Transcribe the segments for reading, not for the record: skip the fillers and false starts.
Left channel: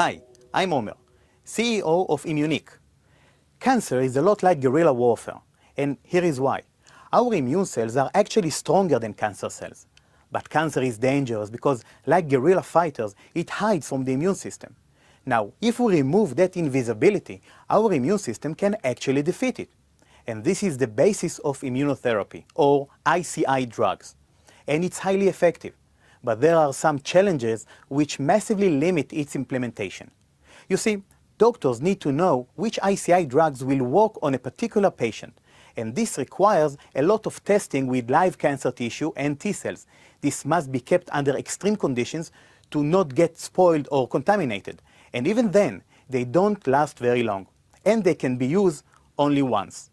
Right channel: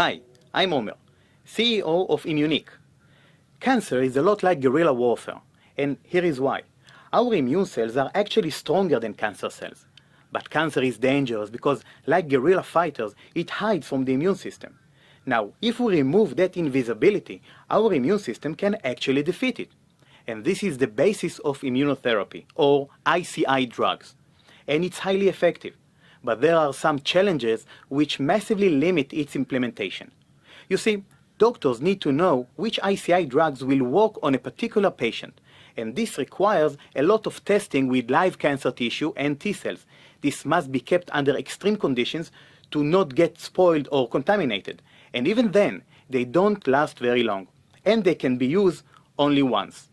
Hi, I'm Omer, CEO of ImmuniQ. Cancer is a lot like guerrilla warfare, and here is why. Our immune cells are actually stronger than cancer cells. But cancer is dangerous because, like guerrilla fighters, it hides from the immune system. Now, if we remove that invisibility, our immune system can actually defeat it. And this is the basis of immunotherapy, or ICI drugs. And it's highly effective. But there are some challenges which massively limit its implementation. You see, doctors need to know which ICI drugs will work on a particular patient, and this requires a lot of testing with live cancer tissue and T cells. This must be kept under extreme conditions to not get spoiled or contaminated, and even then, they don't last very long, and they can be used only once.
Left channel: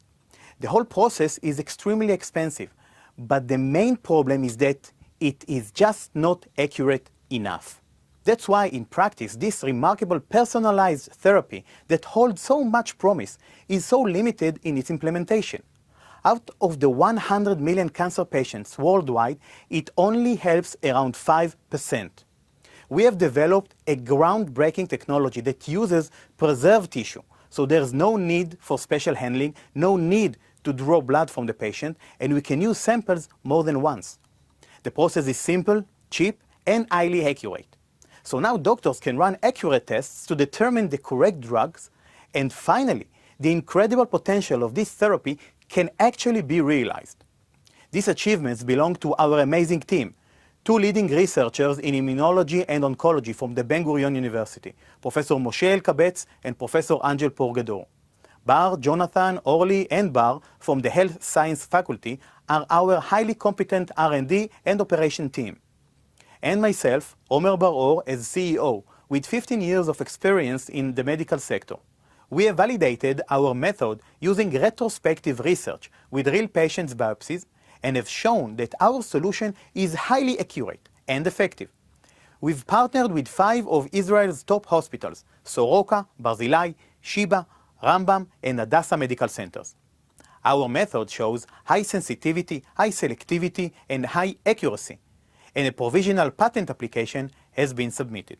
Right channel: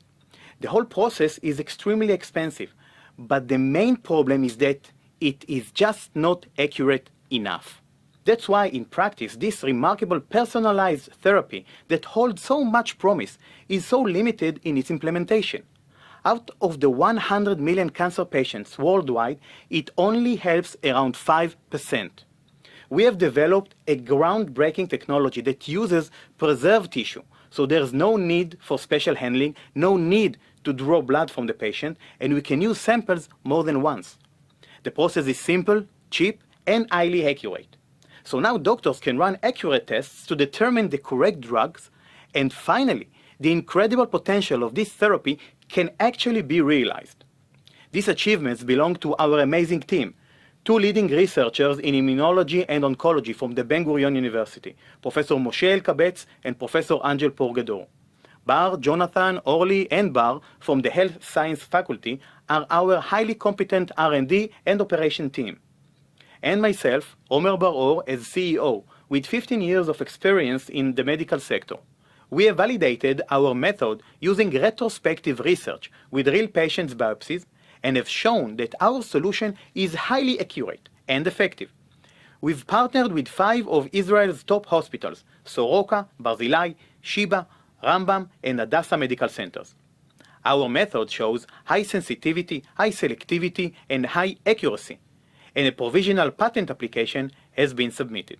The whole process is extremely expensive, but the main problem is that it is just not accurate enough. That's why in practice this remarkable personalized therapy that holds so much promise is so limited in its implementation. Out of the 100 million cancer patients worldwide, it only helps around 5%. We have developed a groundbreaking technology that uses preserved tissue, so there's no need for special handling, no need to draw blood from the patient, and we can use samples more than once. The process is simple, cheap, and highly accurate. So now doctors can run accurate tests to determine the correct drugs, and finally, the incredible potential of this therapy can actually be realized. These achievements belong to our amazing team, two leading researchers in immunology and oncology from the Ben-Gurion University, Professor Moshe Elkabetz and Professor Angel Porgador. Bar, Jonathan, Orly, and Bar from the Health Science Faculty are our highly competent R&D and operation team. And myself, Omer Bar-Or, as CEO, with 15 years of experience in the medical sector. We have validated our method using retrospective research with real patients' biopsies and have shown that our solution is highly accurate and effective. We've partnered with 5 of Israel's top hospitals, Soroka, Barzilai, Sheba, Rambam, and Hadassah medical centers. Our method shows high sensitivity, high selectivity, and high accuracy, and a provisional patent application has been submitted.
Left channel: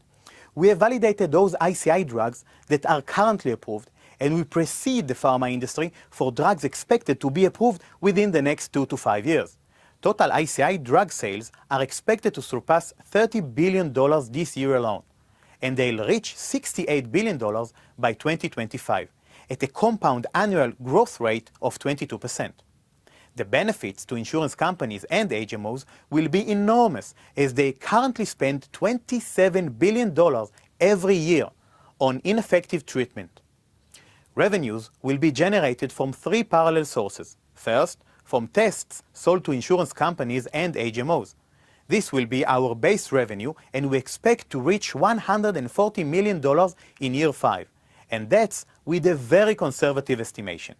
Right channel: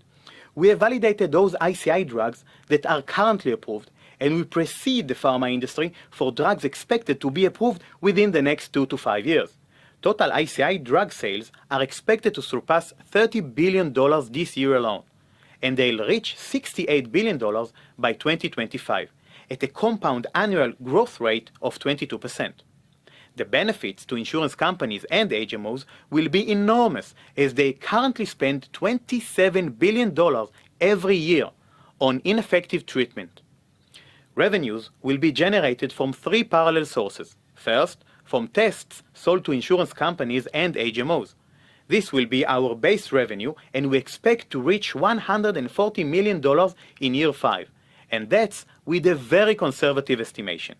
We have validated those ICI drugs that are currently approved, and we precede the pharma industry for drugs expected to be approved within the next 2 to 5 years. Total ICI drug sales are expected to surpass $30 billion this year alone, and they'll reach $68 billion by 2025, at a compound annual growth rate of 22%. The benefits to insurance companies and HMOs will be enormous, as they currently spend $27 billion every year on ineffective treatment. Revenues will be generated from 3 parallel sources. First, from tests sold to insurance companies and HMOs. This will be our base revenue, and we expect to reach $140 million in year 5. And that's with a very conservative estimation.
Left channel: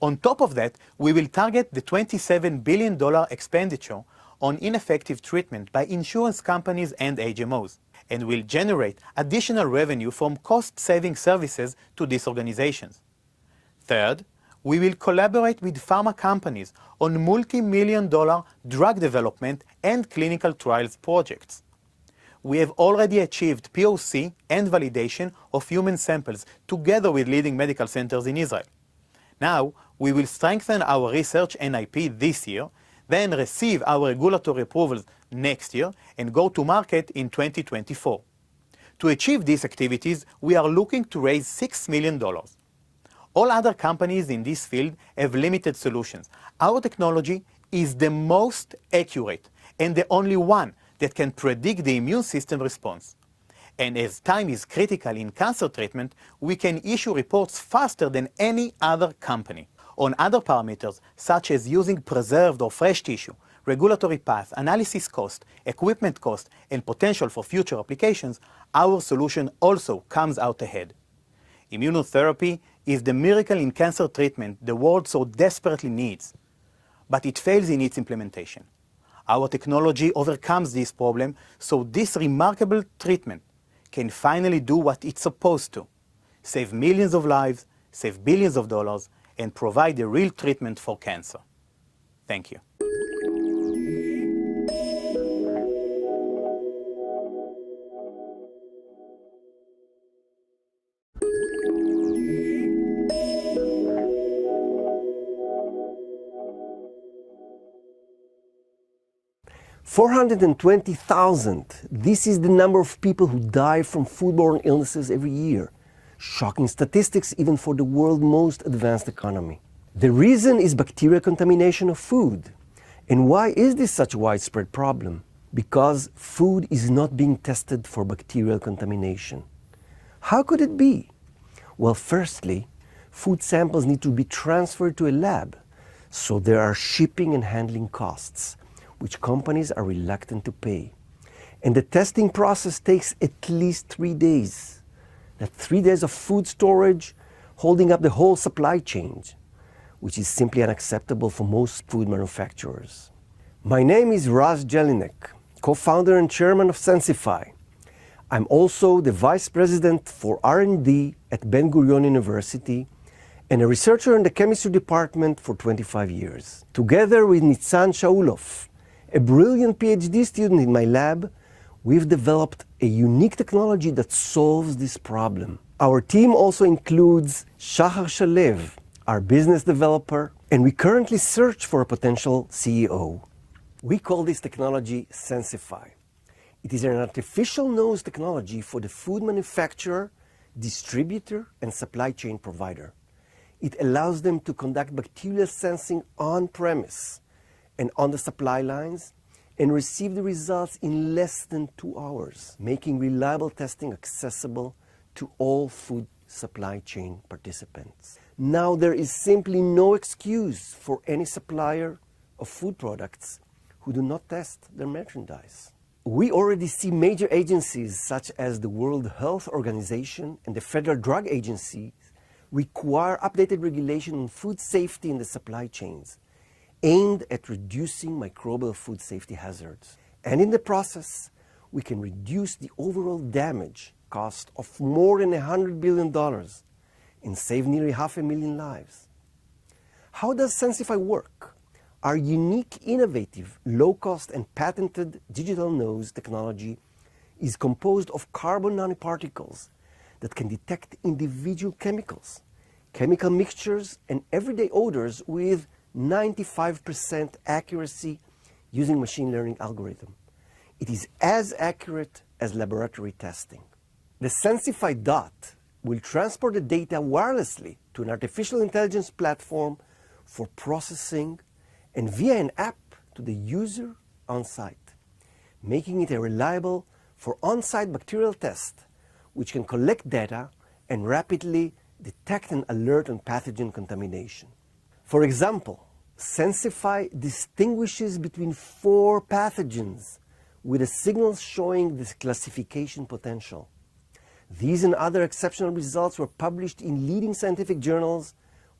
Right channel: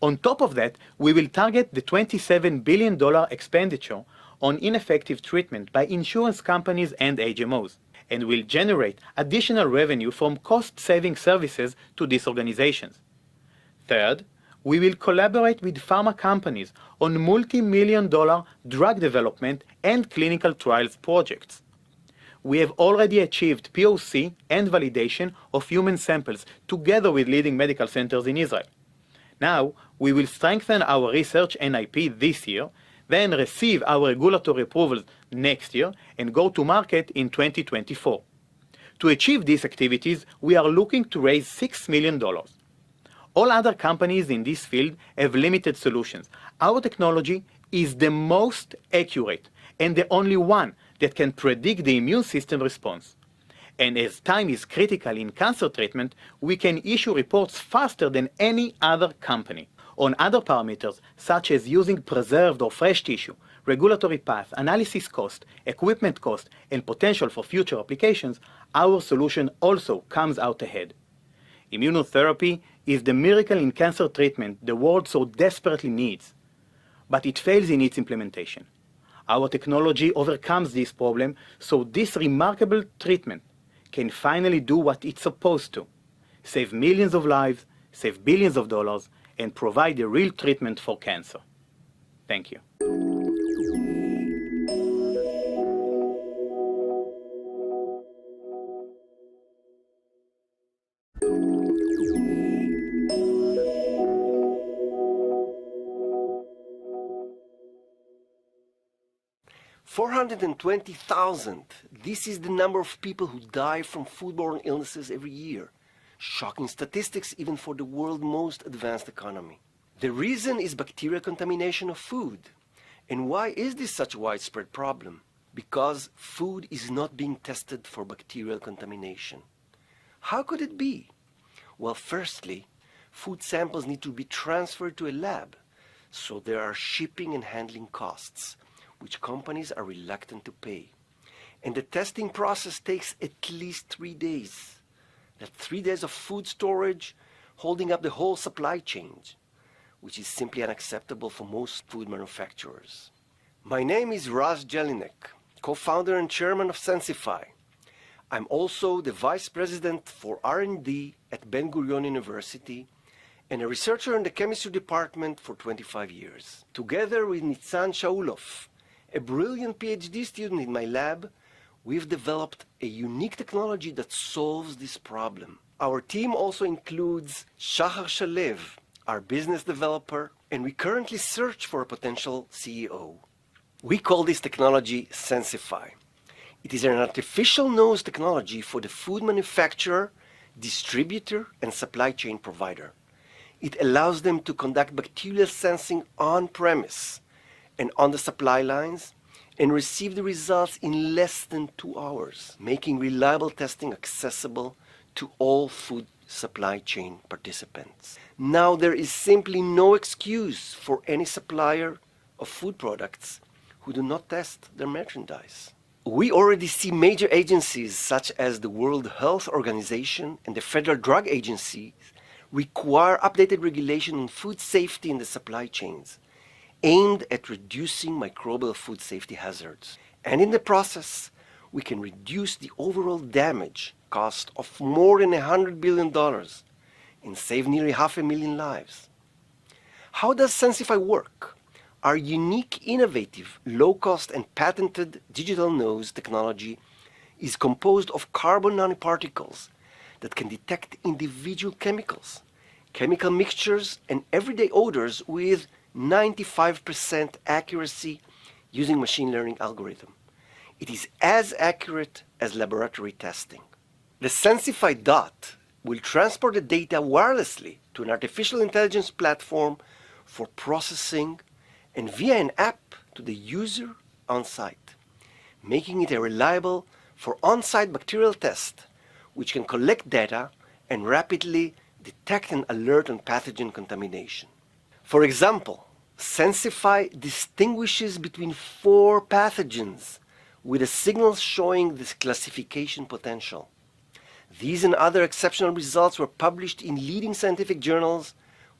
On top of that, we will target the $27 billion expenditure on ineffective treatment by insurance companies and HMOs, and will generate additional revenue from cost-saving services to these organizations. Third, we will collaborate with pharma companies on multi-million-dollar drug development and clinical trials projects. We have already achieved POC and validation of human samples together with leading medical centers in Israel. Now, we will strengthen our research and IP this year, then receive our regulatory approvals next year, and go to market in 2024. To achieve these activities, we are looking to raise $6 million. All other companies in this field have limited solutions. Our technology is the most accurate and the only one that can predict the immune system response. And as time is critical in cancer treatment, we can issue reports faster than any other company. On other parameters, such as using preserved or fresh tissue, regulatory path, analysis cost, equipment cost, and potential for future applications, our solution also comes out ahead. Immunotherapy is the miracle in cancer treatment the world so desperately needs, but it fails in its implementation. Our technology overcomes this problem, so this remarkable treatment can finally do what it's supposed to: save millions of lives, save billions of dollars, and provide a real treatment for cancer. Thank you. 420,000. This is the number of people who die from foodborne illnesses every year. Shocking statistics even for the world's most advanced economy. The reason is bacterial contamination of food. And why is this such a widespread problem? Because food is not being tested for bacterial contamination. How could it be? Well, firstly, food samples need to be transferred to a lab, so there are shipping and handling costs, which companies are reluctant to pay. And the testing process takes at least 3 days. That's 3 days of food storage, holding up the whole supply chain, which is simply unacceptable for most food manufacturers. My name is Raz Jelinek, co-founder and chairman of Sensifi. I'm also the vice president for R&D at Ben-Gurion University and a researcher in the chemistry department for 25 years. Together with Nitzan Shaulov, a brilliant PhD student in my lab, we've developed a unique technology that solves this problem. Our team also includes Shahar Shalev, our business developer, and we currently search for a potential CEO. We call this technology Sensifi. It is an artificial nose technology for the food manufacturer, distributor, and supply chain provider. It allows them to conduct bacterial sensing on-premise and on the supply lines and receive the results in less than 2 hours, making reliable testing accessible to all food supply chain participants. Now, there is simply no excuse for any supplier of food products who do not test their merchandise. We already see major agencies such as the World Health Organization and the Federal Drug Agency require updated regulation on food safety in the supply chains, aimed at reducing microbial food safety hazards. And in the process, we can reduce the overall damage cost of more than $100 billion and save nearly 500,000 lives. How does Sensifi work? Our unique, innovative, low-cost and patented digital nose technology is composed of carbon nanoparticles that can detect individual chemicals, chemical mixtures, and everyday odors with 95% accuracy using machine learning algorithm. It is as accurate as laboratory testing. The Sensifi Dot will transport the data wirelessly to an artificial intelligence platform for processing and via an app to the user on site, making it a reliable for on-site bacterial test, which can collect data and rapidly detect and alert on pathogen contamination. For example, Sensifi distinguishes between 4 pathogens with a signal showing this classification potential. These and other exceptional results were published in leading scientific journals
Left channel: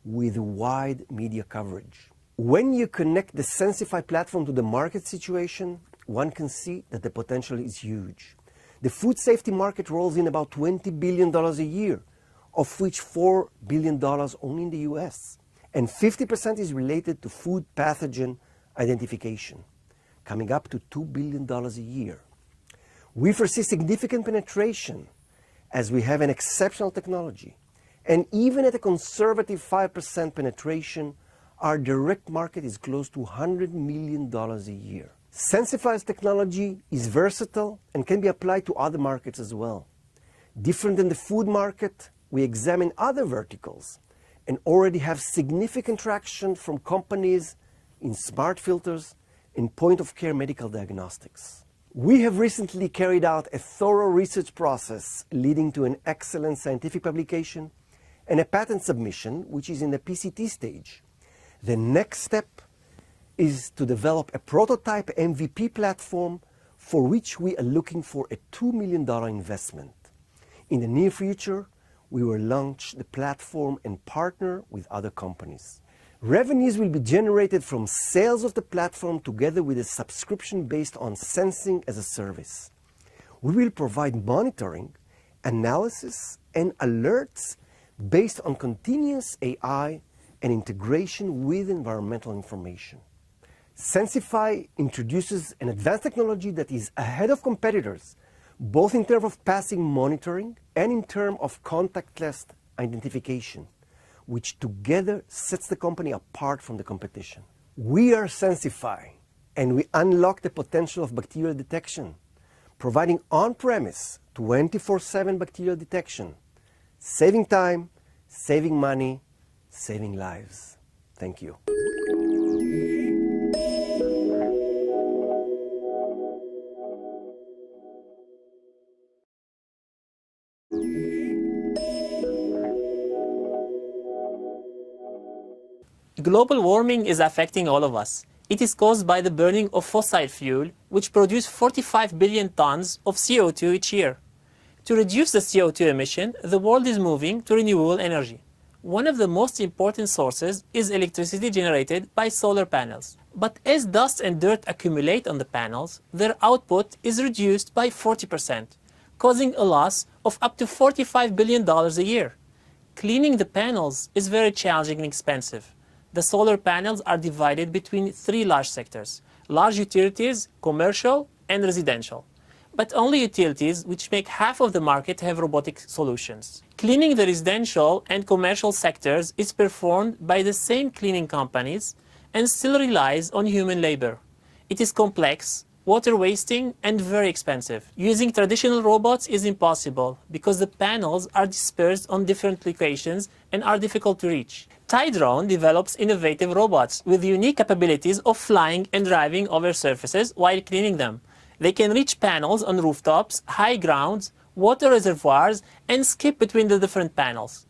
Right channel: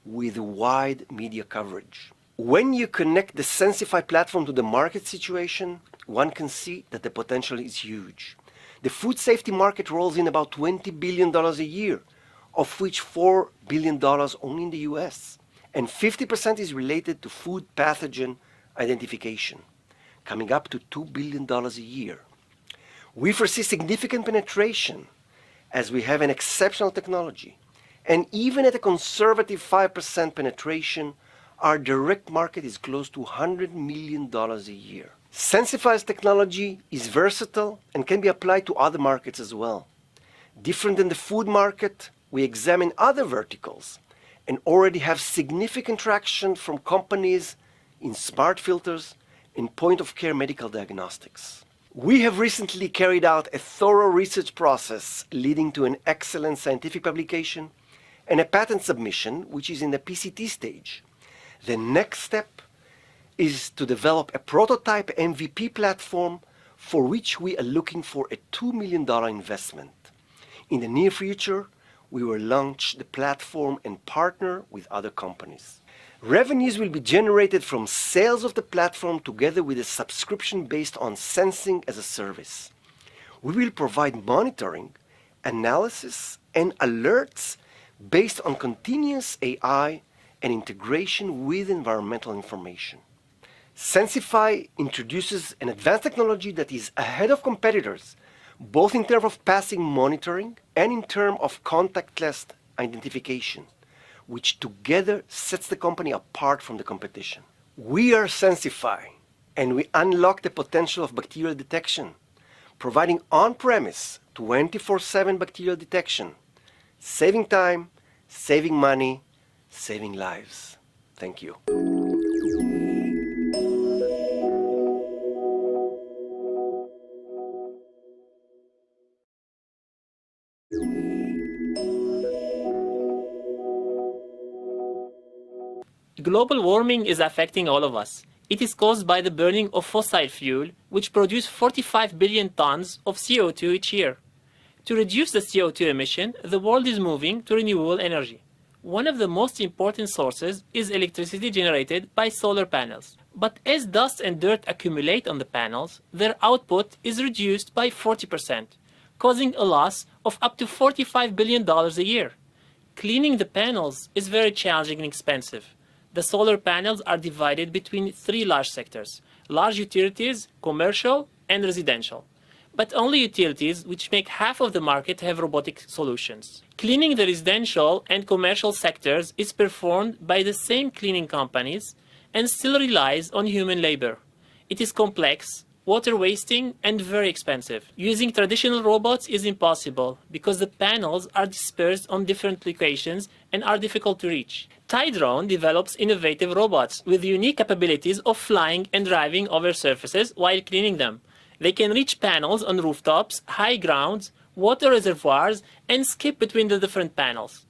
with wide media coverage. When you connect the Sensifi platform to the market situation, one can see that the potential is huge. The food safety market rolls in about $20 billion a year, of which $4 billion only in the US. And 50% is related to food pathogen identification, coming up to $2 billion a year. We foresee significant penetration as we have an exceptional technology. And even at a conservative 5% penetration, our direct market is close to $100 million a year. Sensifi's technology is versatile and can be applied to other markets as well. Different than the food market, we examine other verticals and already have significant traction from companies in smart filters and point-of-care medical diagnostics. We have recently carried out a thorough research process leading to an excellent scientific publication and a patent submission, which is in the PCT stage. The next step is to develop a prototype MVP platform for which we are looking for a $2 million investment. In the near future, we will launch the platform and partner with other companies. Revenues will be generated from sales of the platform together with a subscription based on sensing as a service. We will provide monitoring, analysis, and alerts based on continuous AI and integration with environmental information. Sensifi introduces an advanced technology that is ahead of competitors, both in terms of passing monitoring and in terms of contactless identification, which together sets the company apart from the competition. We are Sensifi, And we unlock the potential of bacterial detection, providing on-premise 24/7 bacterial detection, saving time, saving money, saving lives. Thank you. Global warming is affecting all of us. It is caused by the burning of fossil fuel, which produce 45 billion tons of CO2 each year. To reduce the CO2 emission, the world is moving to renewable energy. One of the most important sources is electricity generated by solar panels. But as dust and dirt accumulate on the panels, their output is reduced by 40%, causing a loss of up to $45 billion a year. Cleaning the panels is very challenging and expensive. The solar panels are divided between three large sectors: large utilities, commercial, and residential. But only utilities, which make half of the market, have robotic solutions. Cleaning the residential and commercial sectors is performed by the same cleaning companies and still relies on human labor. It is complex, water wasting, and very expensive. Using traditional robots is impossible because the panels are dispersed on different locations and are difficult to reach. Tydrone develops innovative robots with unique capabilities of flying and driving over surfaces while cleaning them. They can reach panels on rooftops, high grounds, water reservoirs, and skip between the different panels.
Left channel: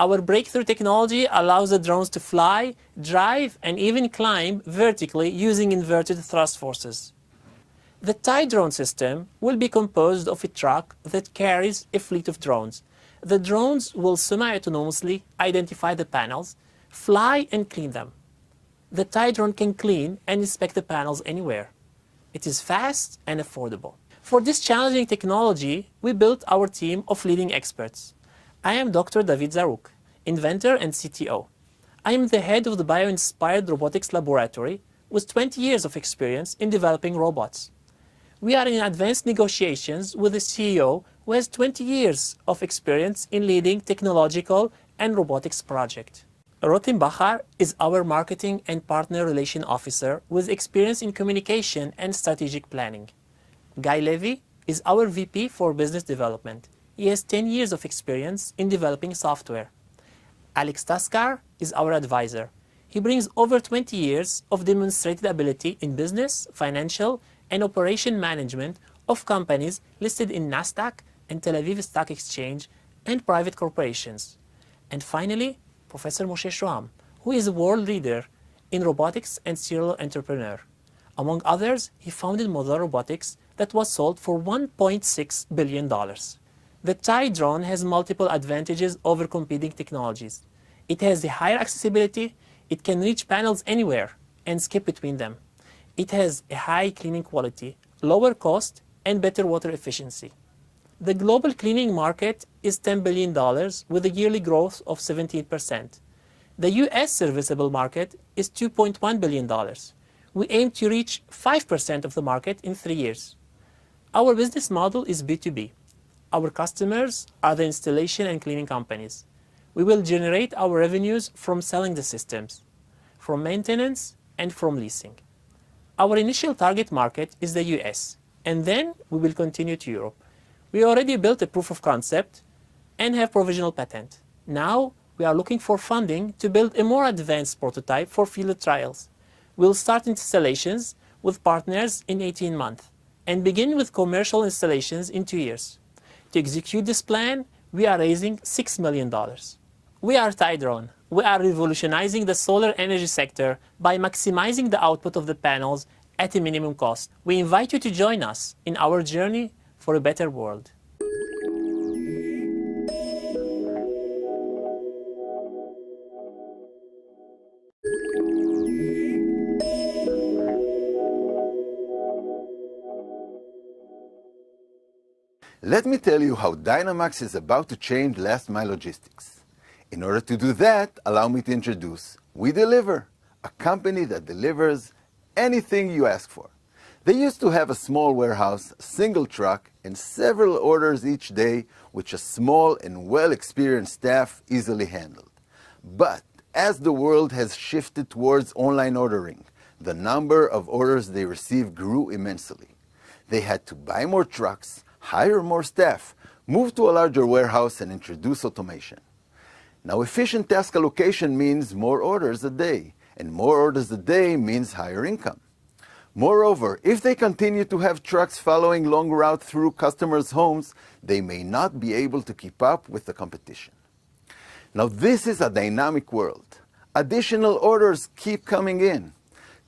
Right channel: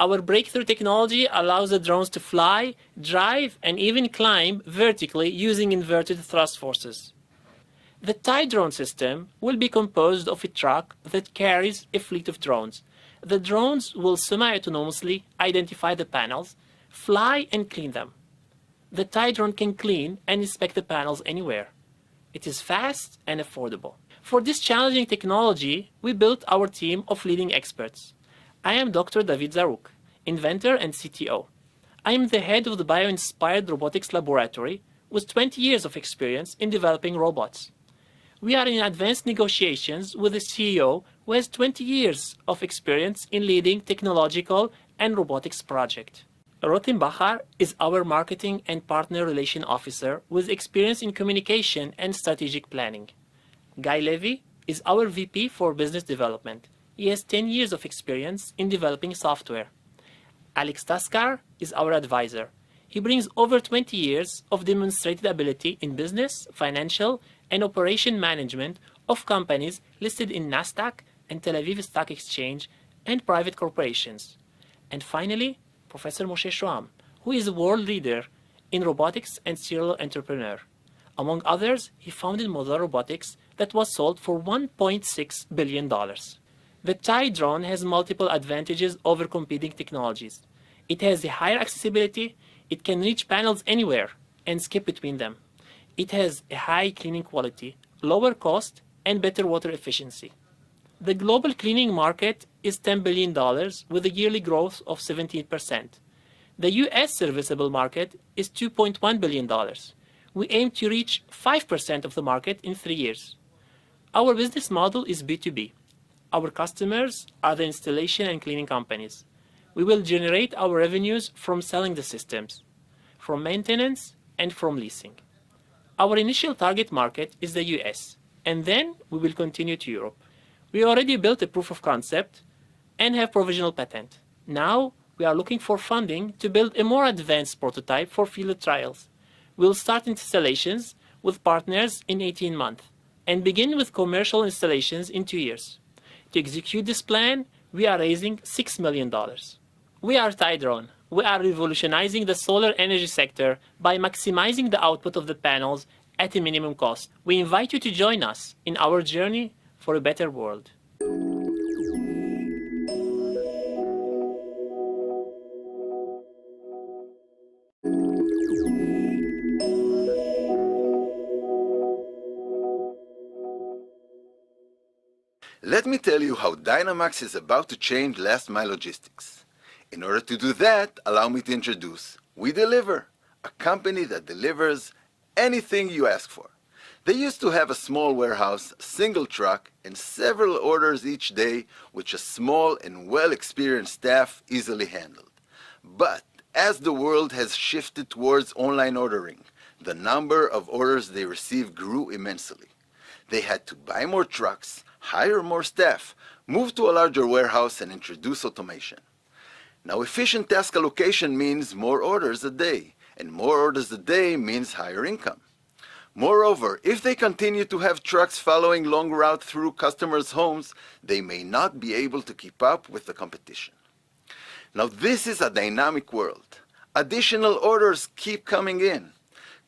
Our breakthrough technology allows the drones to fly, drive, and even climb vertically using inverted thrust forces. The Tydrone system will be composed of a truck that carries a fleet of drones. The drones will semi-autonomously identify the panels, fly, and clean them. The Tydrone can clean and inspect the panels anywhere. It is fast and affordable. For this challenging technology, we built our team of leading experts. I am Dr. David Zaruk, inventor and CTO. I am the head of the Bio-Inspired Robotics Laboratory with 20 years of experience in developing robots. We are in advanced negotiations with the CEO who has 20 years of experience in leading technological and robotics projects. Rotem Bachar is our marketing and partner relation officer with experience in communication and strategic planning. Guy Levy is our VP for business development. He has 10 years of experience in developing software. Alex Taskar is our advisor. He brings over 20 years of demonstrated ability in business, financial, and operation management of companies listed in Nasdaq and Tel Aviv Stock Exchange and private corporations. And finally, Professor Moshe Shoham, who is a world leader in robotics and serial entrepreneur. Among others, he founded Modular Robotics that was sold for $1.6 billion. The Tydrone has multiple advantages over competing technologies. It has a higher accessibility, it can reach panels anywhere and skip between them. It has a high cleaning quality, lower cost, and better water efficiency. The global cleaning market is $10 billion with a yearly growth of 17%. The US serviceable market is $2.1 billion. We aim to reach 5% of the market in 3 years. Our business model is B2B. Our customers are the installation and cleaning companies. We will generate our revenues from selling the systems, from maintenance, and from leasing. Our initial target market is the US, and then we will continue to Europe. We already built a proof of concept and have provisional patent. Now we are looking for funding to build a more advanced prototype for field trials. We'll start installations with partners in 18 months and begin with commercial installations in 2 years. To execute this plan, we are raising $6 million. We are Tydrone. We are revolutionizing the solar energy sector by maximizing the output of the panels at a minimum cost. We invite you to join us in our journey for a better world. Let me tell you how Dynamacs is about to change last mile logistics. In order to do that, allow me to introduce We Deliver, a company that delivers anything you ask for. They used to have a small warehouse, a single truck, and several orders each day, which a small and well-experienced staff easily handled. But as the world has shifted towards online ordering, the number of orders they received grew immensely. They had to buy more trucks, hire more staff, move to a larger warehouse, and introduce automation. Now, efficient task allocation means more orders a day, and more orders a day means higher income. Moreover, if they continue to have trucks following long routes through customers' homes, they may not be able to keep up with the competition. Now, this is a dynamic world. Additional orders keep coming in.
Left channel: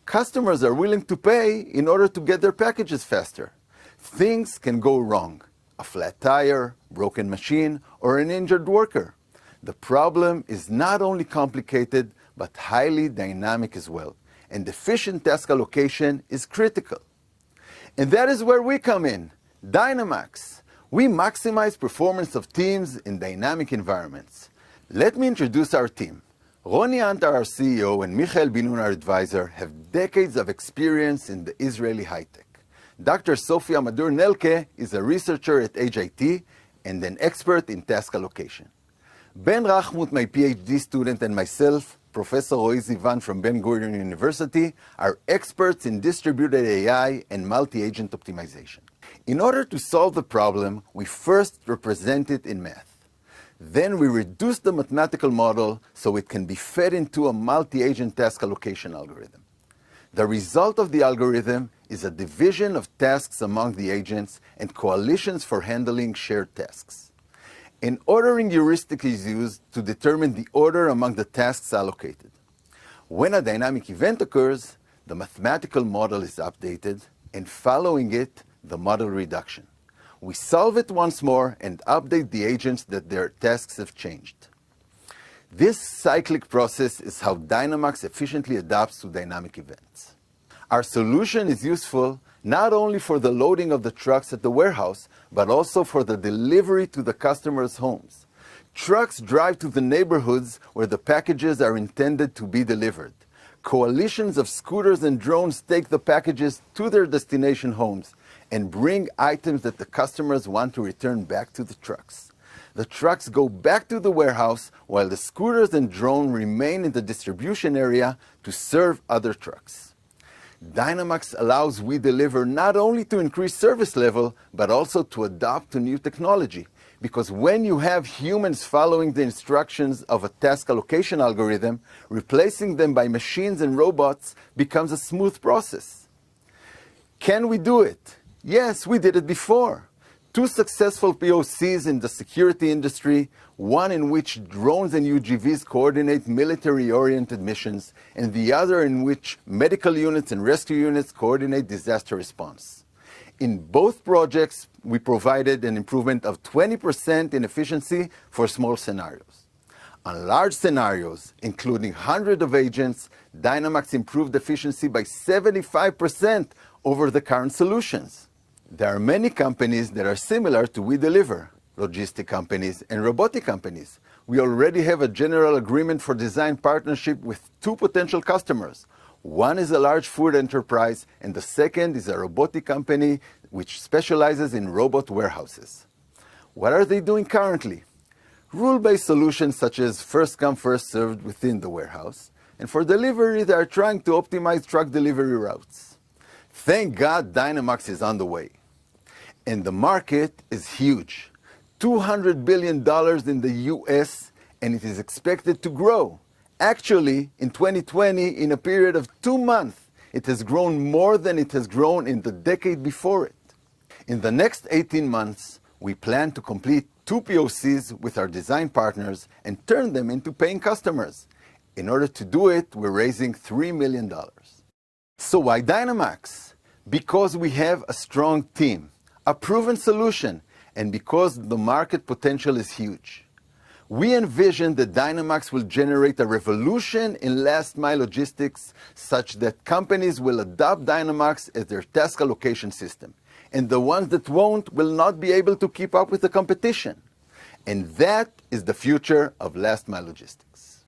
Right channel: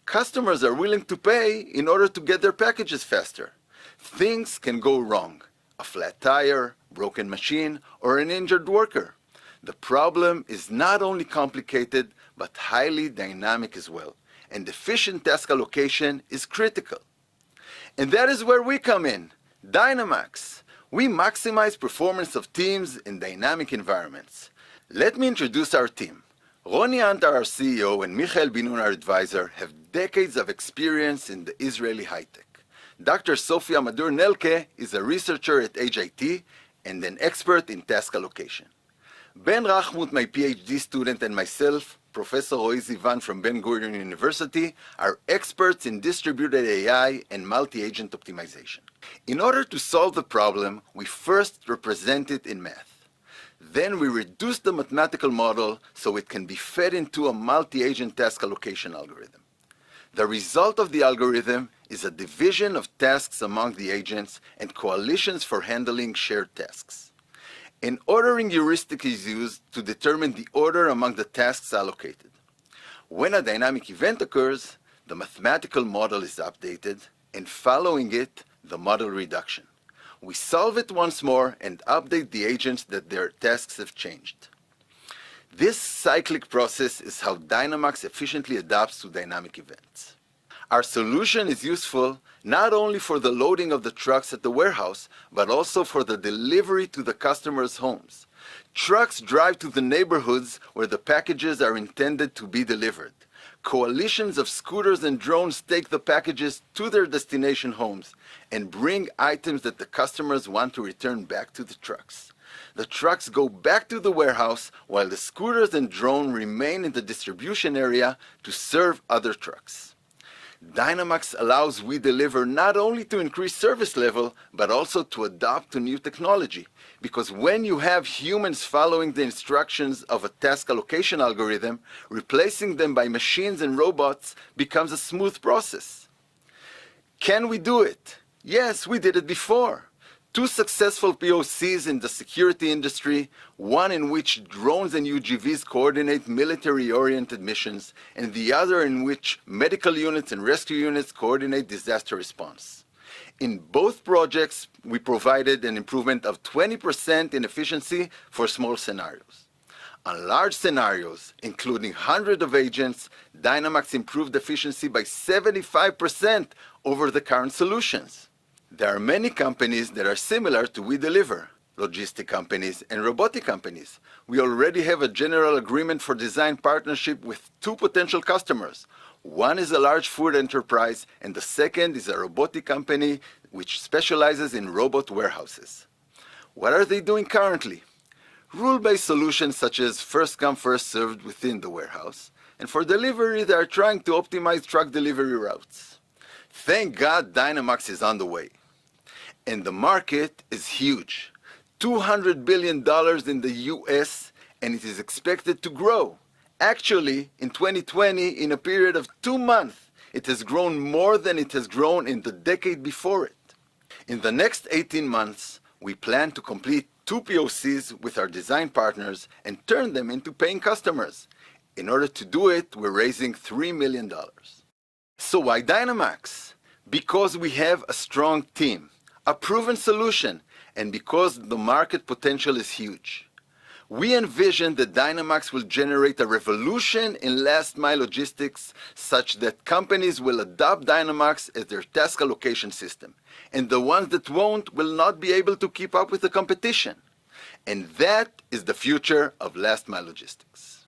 Customers are willing to pay in order to get their packages faster. Things can go wrong. A flat tire, broken machine, or an injured worker. The problem is not only complicated, but highly dynamic as well. And efficient task allocation is critical. And that is where we come in. Dynamacs. We maximize performance of teams in dynamic environments. Let me introduce our team. Roni Antar, our CEO, and Michael Ben-Gurion, our advisor, have decades of experience in the Israeli high-tech. Dr. Sofia Madur-Nelke is a researcher at HIT and an expert in task allocation. Ben Rachmut, my PhD student, and myself, Professor Oazis from Ben-Gurion University, are experts in distributed AI and multi-agent optimization. In order to solve the problem, we first represent it in math. Then we reduce the mathematical model so it can be fed into a multi-agent task allocation algorithm. The result of the algorithm is a division of tasks among the agents and coalitions for handling shared tasks. An ordering heuristic is used to determine the order among the tasks allocated. When a dynamic event occurs, the mathematical model is updated, and following it, the model reduction. We solve it once more and update the agents that their tasks have changed. This cyclic process is how Dynamacs efficiently adapts to dynamic events. Our solution is useful not only for the loading of the trucks at the warehouse, but also for the delivery to the customers' homes. Trucks drive to the neighborhoods where the packages are intended to be delivered. Coalitions of scooters and drones take the packages to their destination homes and bring items that the customers want to return back to the trucks. The trucks go back to the warehouse while the scooters and drone remain in the distribution area to serve other trucks. Dynamacs allows we deliver not only to increase service level, but also to adapt to new technology. Because when you have humans following the instructions of a task allocation algorithm, replacing them by machines and robots becomes a smooth process. Can we do it? Yes, we did it before. 2 successful POCs in the security industry, one in which drones and UGVs coordinate military-oriented missions, and the other in which medical units and rescue units coordinate disaster response. In both projects, we provided an improvement of 20% in efficiency for small scenarios. On large scenarios, including hundreds of agents, Dynamacs improved efficiency by 75% over the current solutions. There are many companies that are similar to We Deliver, logistic companies and robotic companies. We already have a general agreement for design partnership with 2 potential customers. One is a large food enterprise, and the second is a robotic company which specializes in robot warehouses. What are they doing currently? Rule-based solutions such as first come, first served within the warehouse, and for delivery they are trying to optimize truck delivery routes. Thank God Dynamacs is on the way. And the market is huge. $200 billion in the US, and it is expected to grow. Actually, in 2020, in a period of 2 months, it has grown more than it has grown in the decade before it. In the next 18 months, we plan to complete 2 POCs with our design partners and turn them into paying customers. In order to do it, we're raising $3 million. So why Dynamacs? Because we have a strong team, a proven solution, and because the market potential is huge. We envision that Dynamacs will generate a revolution in last-mile logistics such that companies will adopt Dynamacs as their task allocation system, and the ones that won't will not be able to keep up with the competition. And that is the future of last-mile logistics.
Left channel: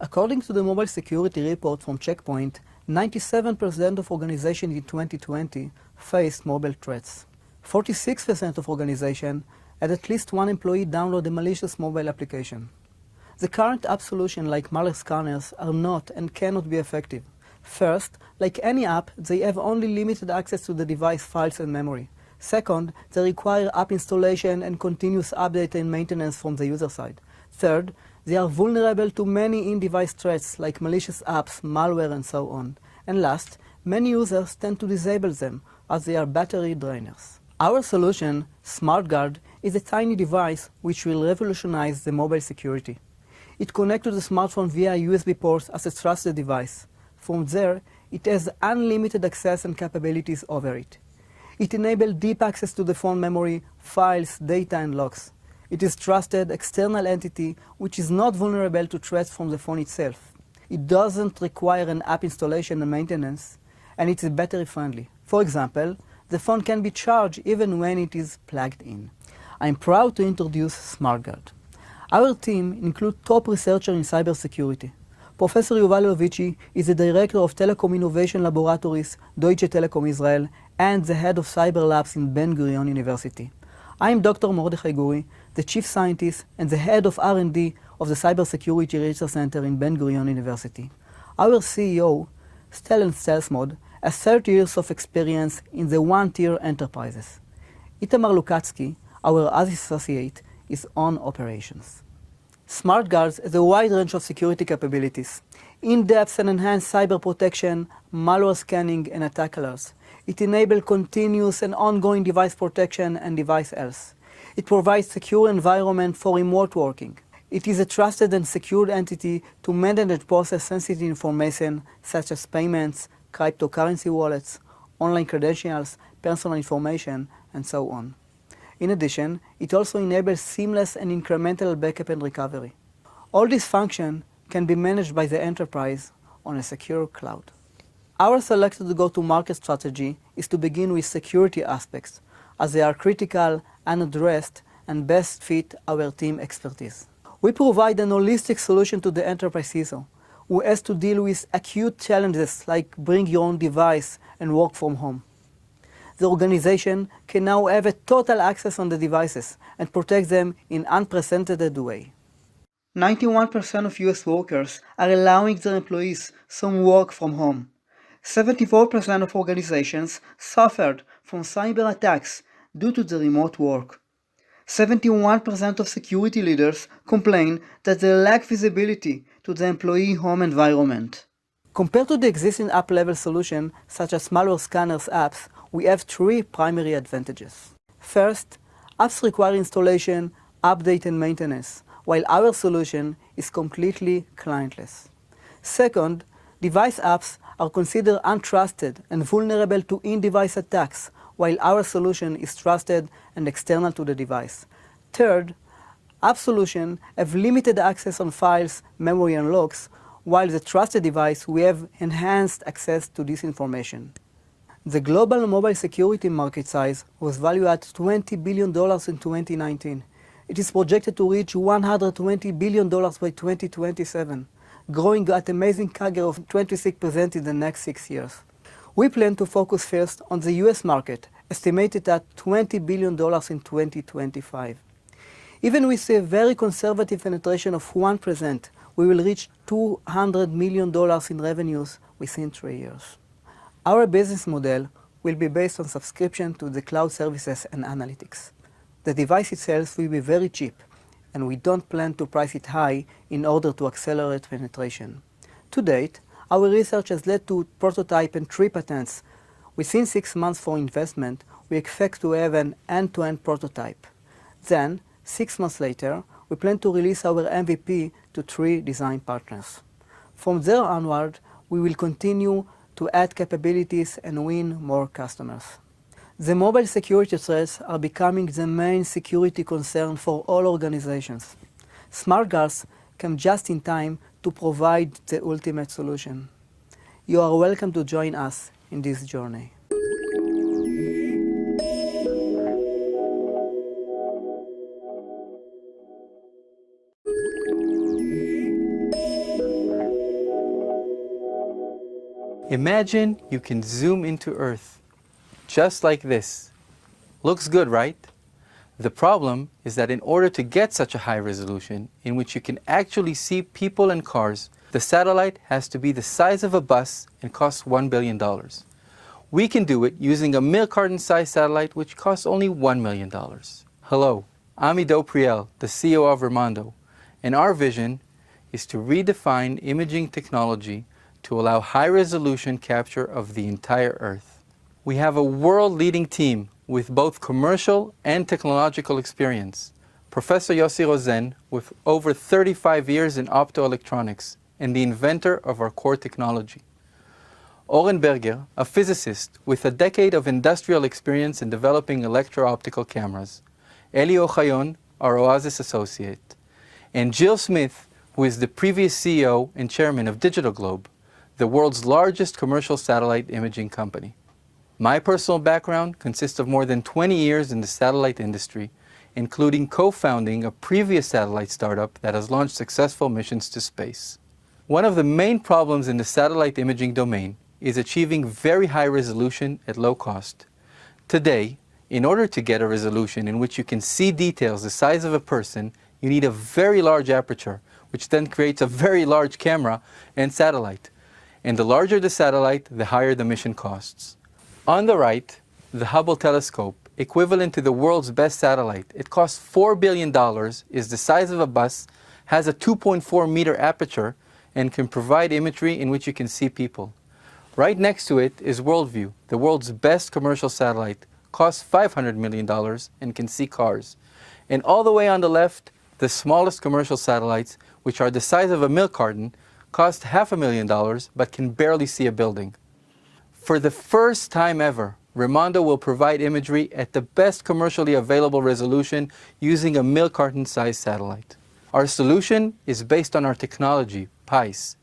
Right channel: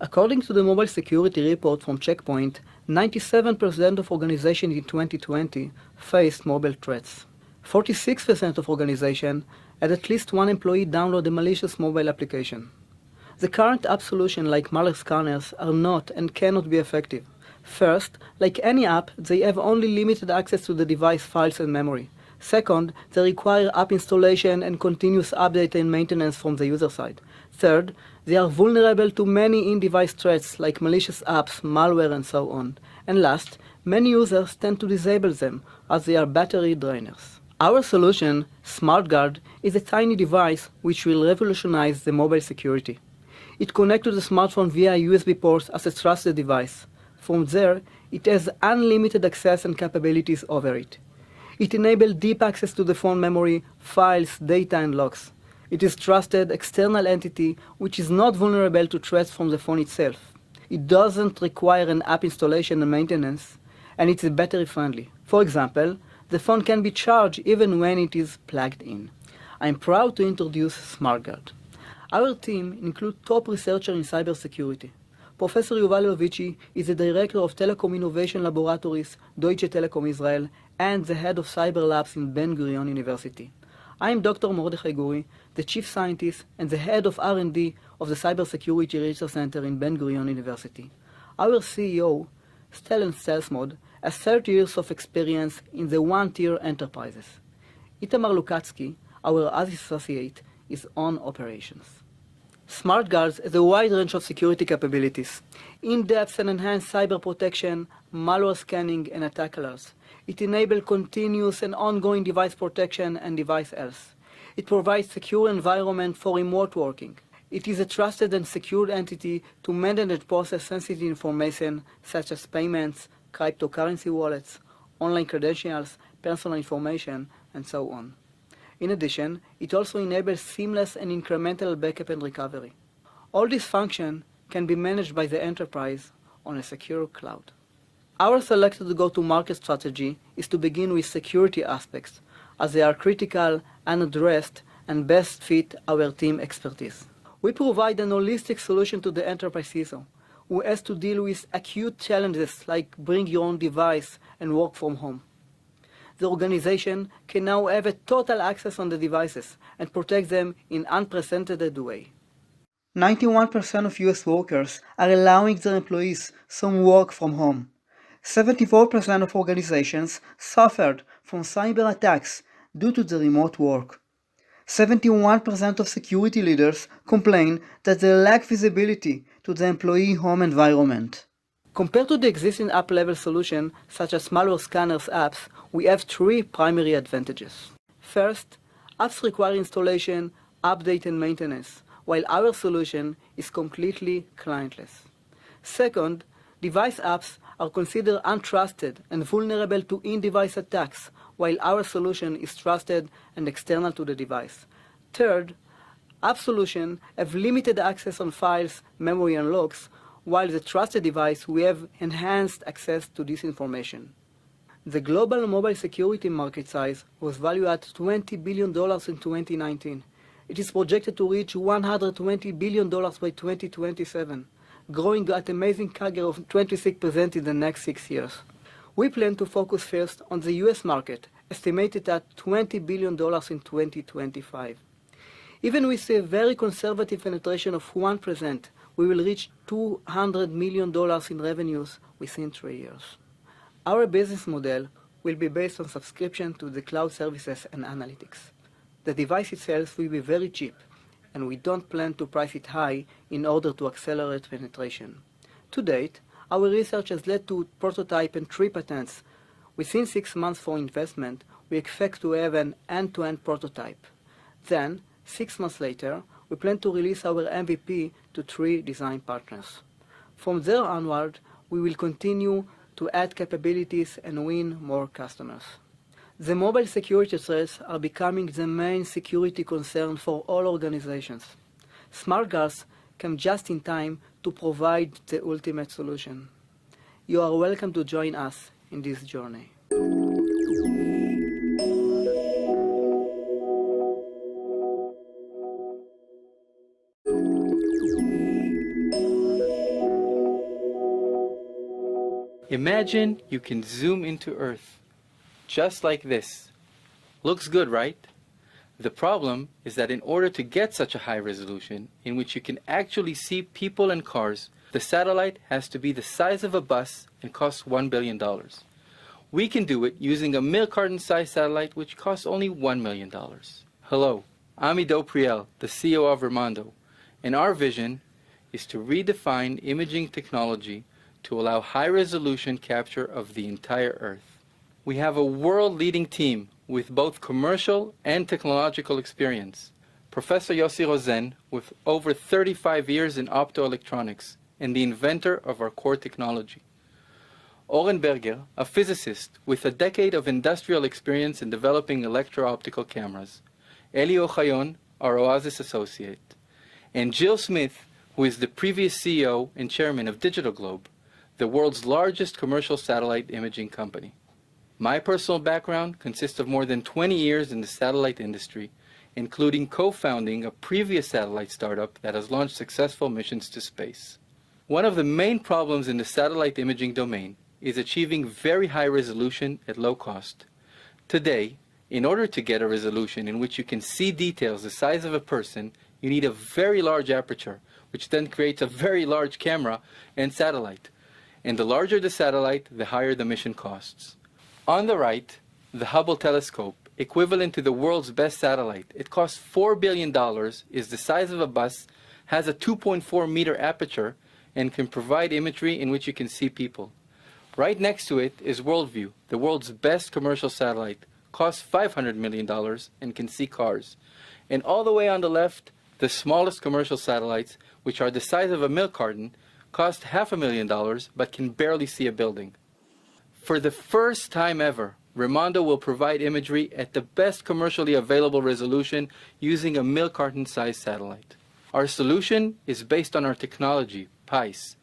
According to the mobile security report from Checkpoint, 97% of organizations in 2020 faced mobile threats. 46% of organizations had at least one employee download a malicious mobile application. The current app solutions like malware scanners are not and cannot be effective. First, like any app, they have only limited access to the device files and memory. Second, they require app installation and continuous update and maintenance from the user side. Third, they are vulnerable to many in-device threats like malicious apps, malware, and so on. And last, many users tend to disable them as they are battery drainers. Our solution, SmartGuard, is a tiny device which will revolutionize the mobile security. It connects to the smartphone via USB ports as a trusted device. From there, it has unlimited access and capabilities over it. It enables deep access to the phone memory, files, data, and logs. It is a trusted external entity which is not vulnerable to threats from the phone itself. It doesn't require an app installation and maintenance, and it is battery friendly. For example, the phone can be charged even when it is plugged in. I'm proud to introduce SmartGuard. Our team includes top researchers in cybersecurity. Professor Yuval Lovici is the Director of Telecom Innovation Laboratories, Deutsche Telekom Israel, and the Head of Cyber Labs in Ben-Gurion University. I am Dr. Mordechai Guri, the Chief Scientist and the Head of R&D of the Cybersecurity Research Center in Ben-Gurion University. Our CEO, Stellan Stelsmod, has 30 years of experience in the one-tier enterprises. Itamar Lukatsky, our Oazis associate, is on operations. SmartGuards has a wide range of security capabilities, in-depth and enhanced cyber protection, malware scanning, and attack alerts. It enables continuous and ongoing device protection and device health. It provides secure environment for remote working. It is a trusted and secured entity to manage and process sensitive information such as payments, cryptocurrency wallets, online credentials, personal information, and so on. In addition, it also enables seamless and incremental backup and recovery. All these functions can be managed by the enterprise on a secure cloud. Our selected go-to-market strategy is to begin with security aspects, as they are critical, unaddressed, and best fit our team expertise. We provide an holistic solution to the enterprise CISO, who has to deal with acute challenges like bring your own device and work from home. The organization can now have a total access on the devices and protect them in an unprecedented way. 91% of US workers are allowing their employees some work from home. 74% of organizations suffered from cyber attacks due to the remote work. 71% of security leaders complain that they lack visibility to the employee home environment. Compared to the existing app-level solution, such as malware scanners apps, we have three primary advantages. First, apps require installation, update, and maintenance, while our solution is completely clientless. Second, device apps are considered untrusted and vulnerable to in-device attacks, while our solution is trusted and external to the device. Third, app solutions have limited access on files, memory, and logs, while the trusted device we have enhanced access to this information. The global mobile security market size was valued at $20 billion in 2019. It is projected to reach $120 billion by 2027, growing at an amazing CAGR of 26% in the next 6 years. We plan to focus first on the US market, estimated at $20 billion in 2025. Even with a very conservative penetration of 1%, we will reach $200 million in revenues within 3 years. Our business model will be based on subscription to the cloud services and analytics. The device itself will be very cheap, and we don't plan to price it high in order to accelerate penetration. To date, our research has led to prototype and 3 patents. Within 6 months for investment, we expect to have an end-to-end prototype. Then, 6 months later, we plan to release our MVP to 3 design partners. From there onward, we will continue to add capabilities and win more customers. The mobile security threats are becoming the main security concern for all organizations. SmartGuards come just in time to provide the ultimate solution. You are welcome to join us in this journey. Imagine you can zoom into Earth, just like this. Looks good, right? The problem is that in order to get such a high resolution, in which you can actually see people and cars, the satellite has to be the size of a bus and costs $1 billion. We can do it using a milk carton-sized satellite, which costs only $1 million. Hello, I'm Ido Priel, the CEO of Remondo, and our vision is to redefine imaging technology to allow high-resolution capture of the entire Earth. We have a world-leading team with both commercial and technological experience. Professor Yossi Rosen, with over 35 years in optoelectronics and the inventor of our core technology. Oren Berger, a physicist with a decade of industrial experience in developing electro-optical cameras. Eli Ochayon, our Oazis associate. And Jill Smith, who is the previous CEO and chairman of Digital Globe, the world's largest commercial satellite imaging company. My personal background consists of more than 20 years in the satellite industry, including co-founding a previous satellite startup that has launched successful missions to space. One of the main problems in the satellite imaging domain is achieving very high resolution at low cost. Today, in order to get a resolution in which you can see details the size of a person, you need a very large aperture, which then creates a very large camera and satellite. And the larger the satellite, the higher the mission costs. On the right, the Hubble telescope, equivalent to the world's best satellite. It costs $4 billion, is the size of a bus, has a 2.4 meter aperture, and can provide imagery in which you can see people. Right next to it is Worldview, the world's best commercial satellite, costs $500 million and can see cars. And all the way on the left, the smallest commercial satellites, which are the size of a milk carton, cost $500,000 but can barely see a building. For the first time ever, Remondo will provide imagery at the best commercially available resolution using a milk carton-sized satellite. Our solution is based on our technology, PICE,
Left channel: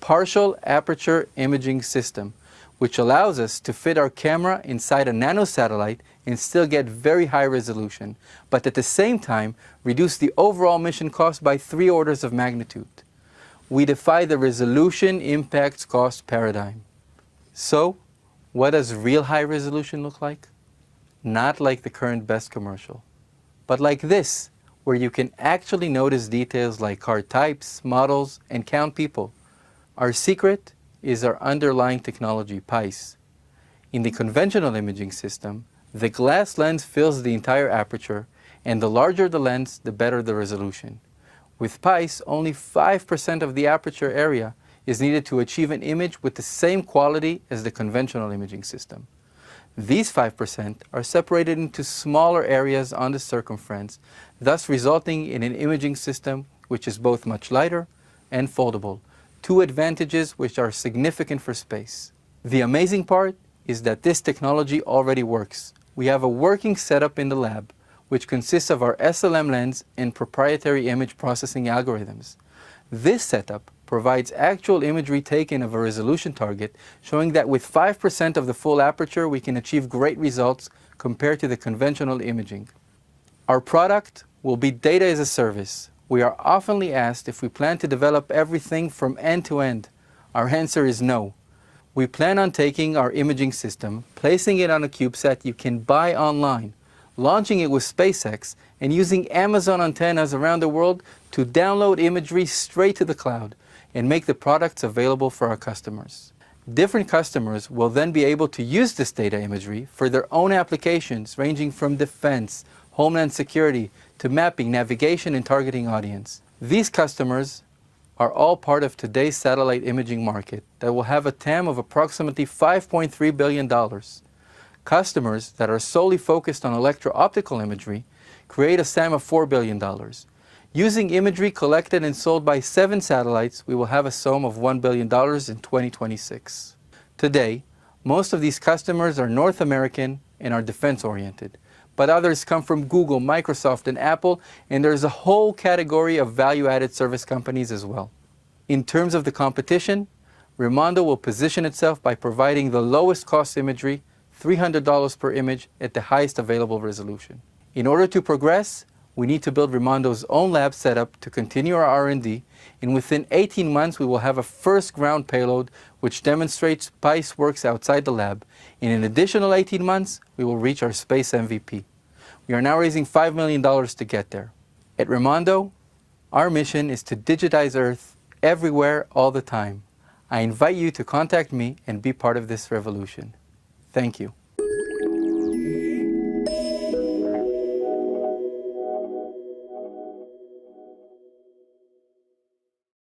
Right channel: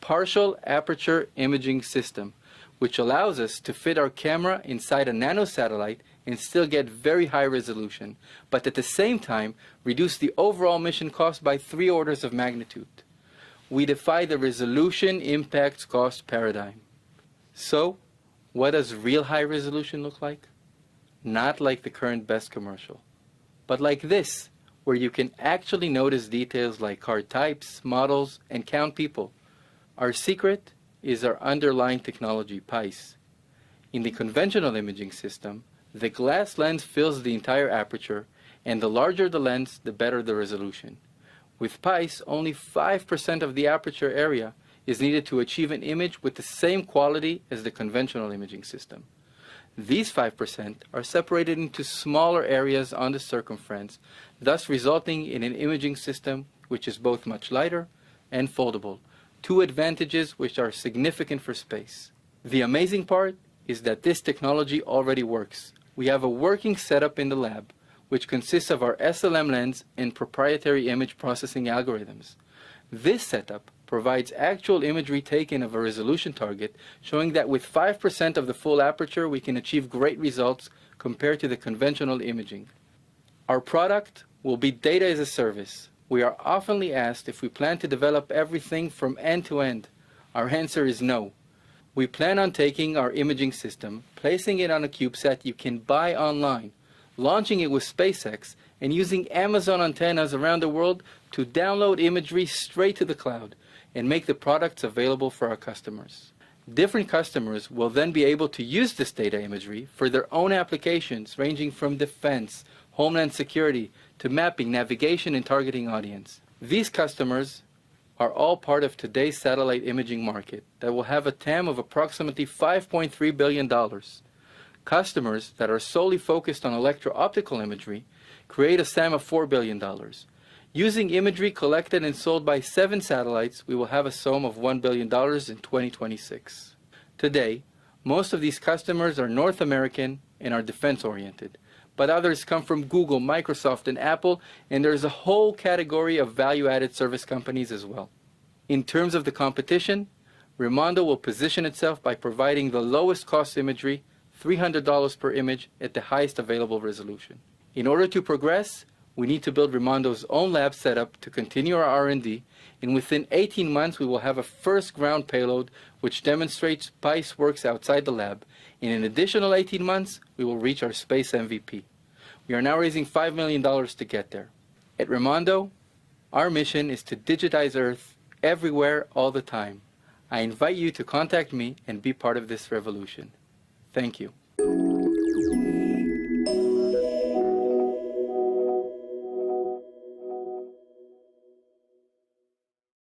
Partial Aperture Imaging System, which allows us to fit our camera inside a nanosatellite and still get very high resolution, but at the same time reduce the overall mission cost by 3 orders of magnitude. We defy the resolution impacts cost paradigm. So, what does real high resolution look like? Not like the current best commercial, but like this, where you can actually notice details like car types, models, and count people. Our secret is our underlying technology, PICE. In the conventional imaging system, the glass lens fills the entire aperture, and the larger the lens, the better the resolution. With PICE, only 5% of the aperture area is needed to achieve an image with the same quality as the conventional imaging system. These 5% are separated into smaller areas on the circumference, thus resulting in an imaging system which is both much lighter and foldable, 2 advantages which are significant for space. The amazing part is that this technology already works. We have a working setup in the lab, which consists of our SLM lens and proprietary image processing algorithms. This setup provides actual imagery taken of a resolution target, showing that with 5% of the full aperture we can achieve great results compared to the conventional imaging. Our product will be data as a service. We are oftenly asked if we plan to develop everything from end to end. Our answer is no. We plan on taking our imaging system, placing it on a CubeSat you can buy online, launching it with SpaceX, and using Amazon antennas around the world to download imagery straight to the cloud and make the products available for our customers. Different customers will then be able to use this data imagery for their own applications ranging from defense, homeland security, to mapping, navigation, and targeting audience. These customers are all part of today's satellite imaging market that will have a TAM of approximately $5.3 billion. Customers that are solely focused on electro-optical imagery create a SAM of $4 billion. Using imagery collected and sold by 7 satellites, we will have a SOM of $1 billion in 2026. Today, most of these customers are North American and are defense-oriented, but others come from Google, Microsoft, and Apple, and there's a whole category of value-added service companies as well. In terms of the competition, Remondo will position itself by providing the lowest cost imagery, $300 per image, at the highest available resolution. In order to progress, we need to build Remondo's own lab setup to continue our R&D, and within 18 months we will have a first ground payload which demonstrates SPICE works outside the lab. In an additional 18 months, we will reach our space MVP. We are now raising $5 million to get there. At Remondo, our mission is to digitize Earth everywhere, all the time. I invite you to contact me and be part of this revolution. Thank you.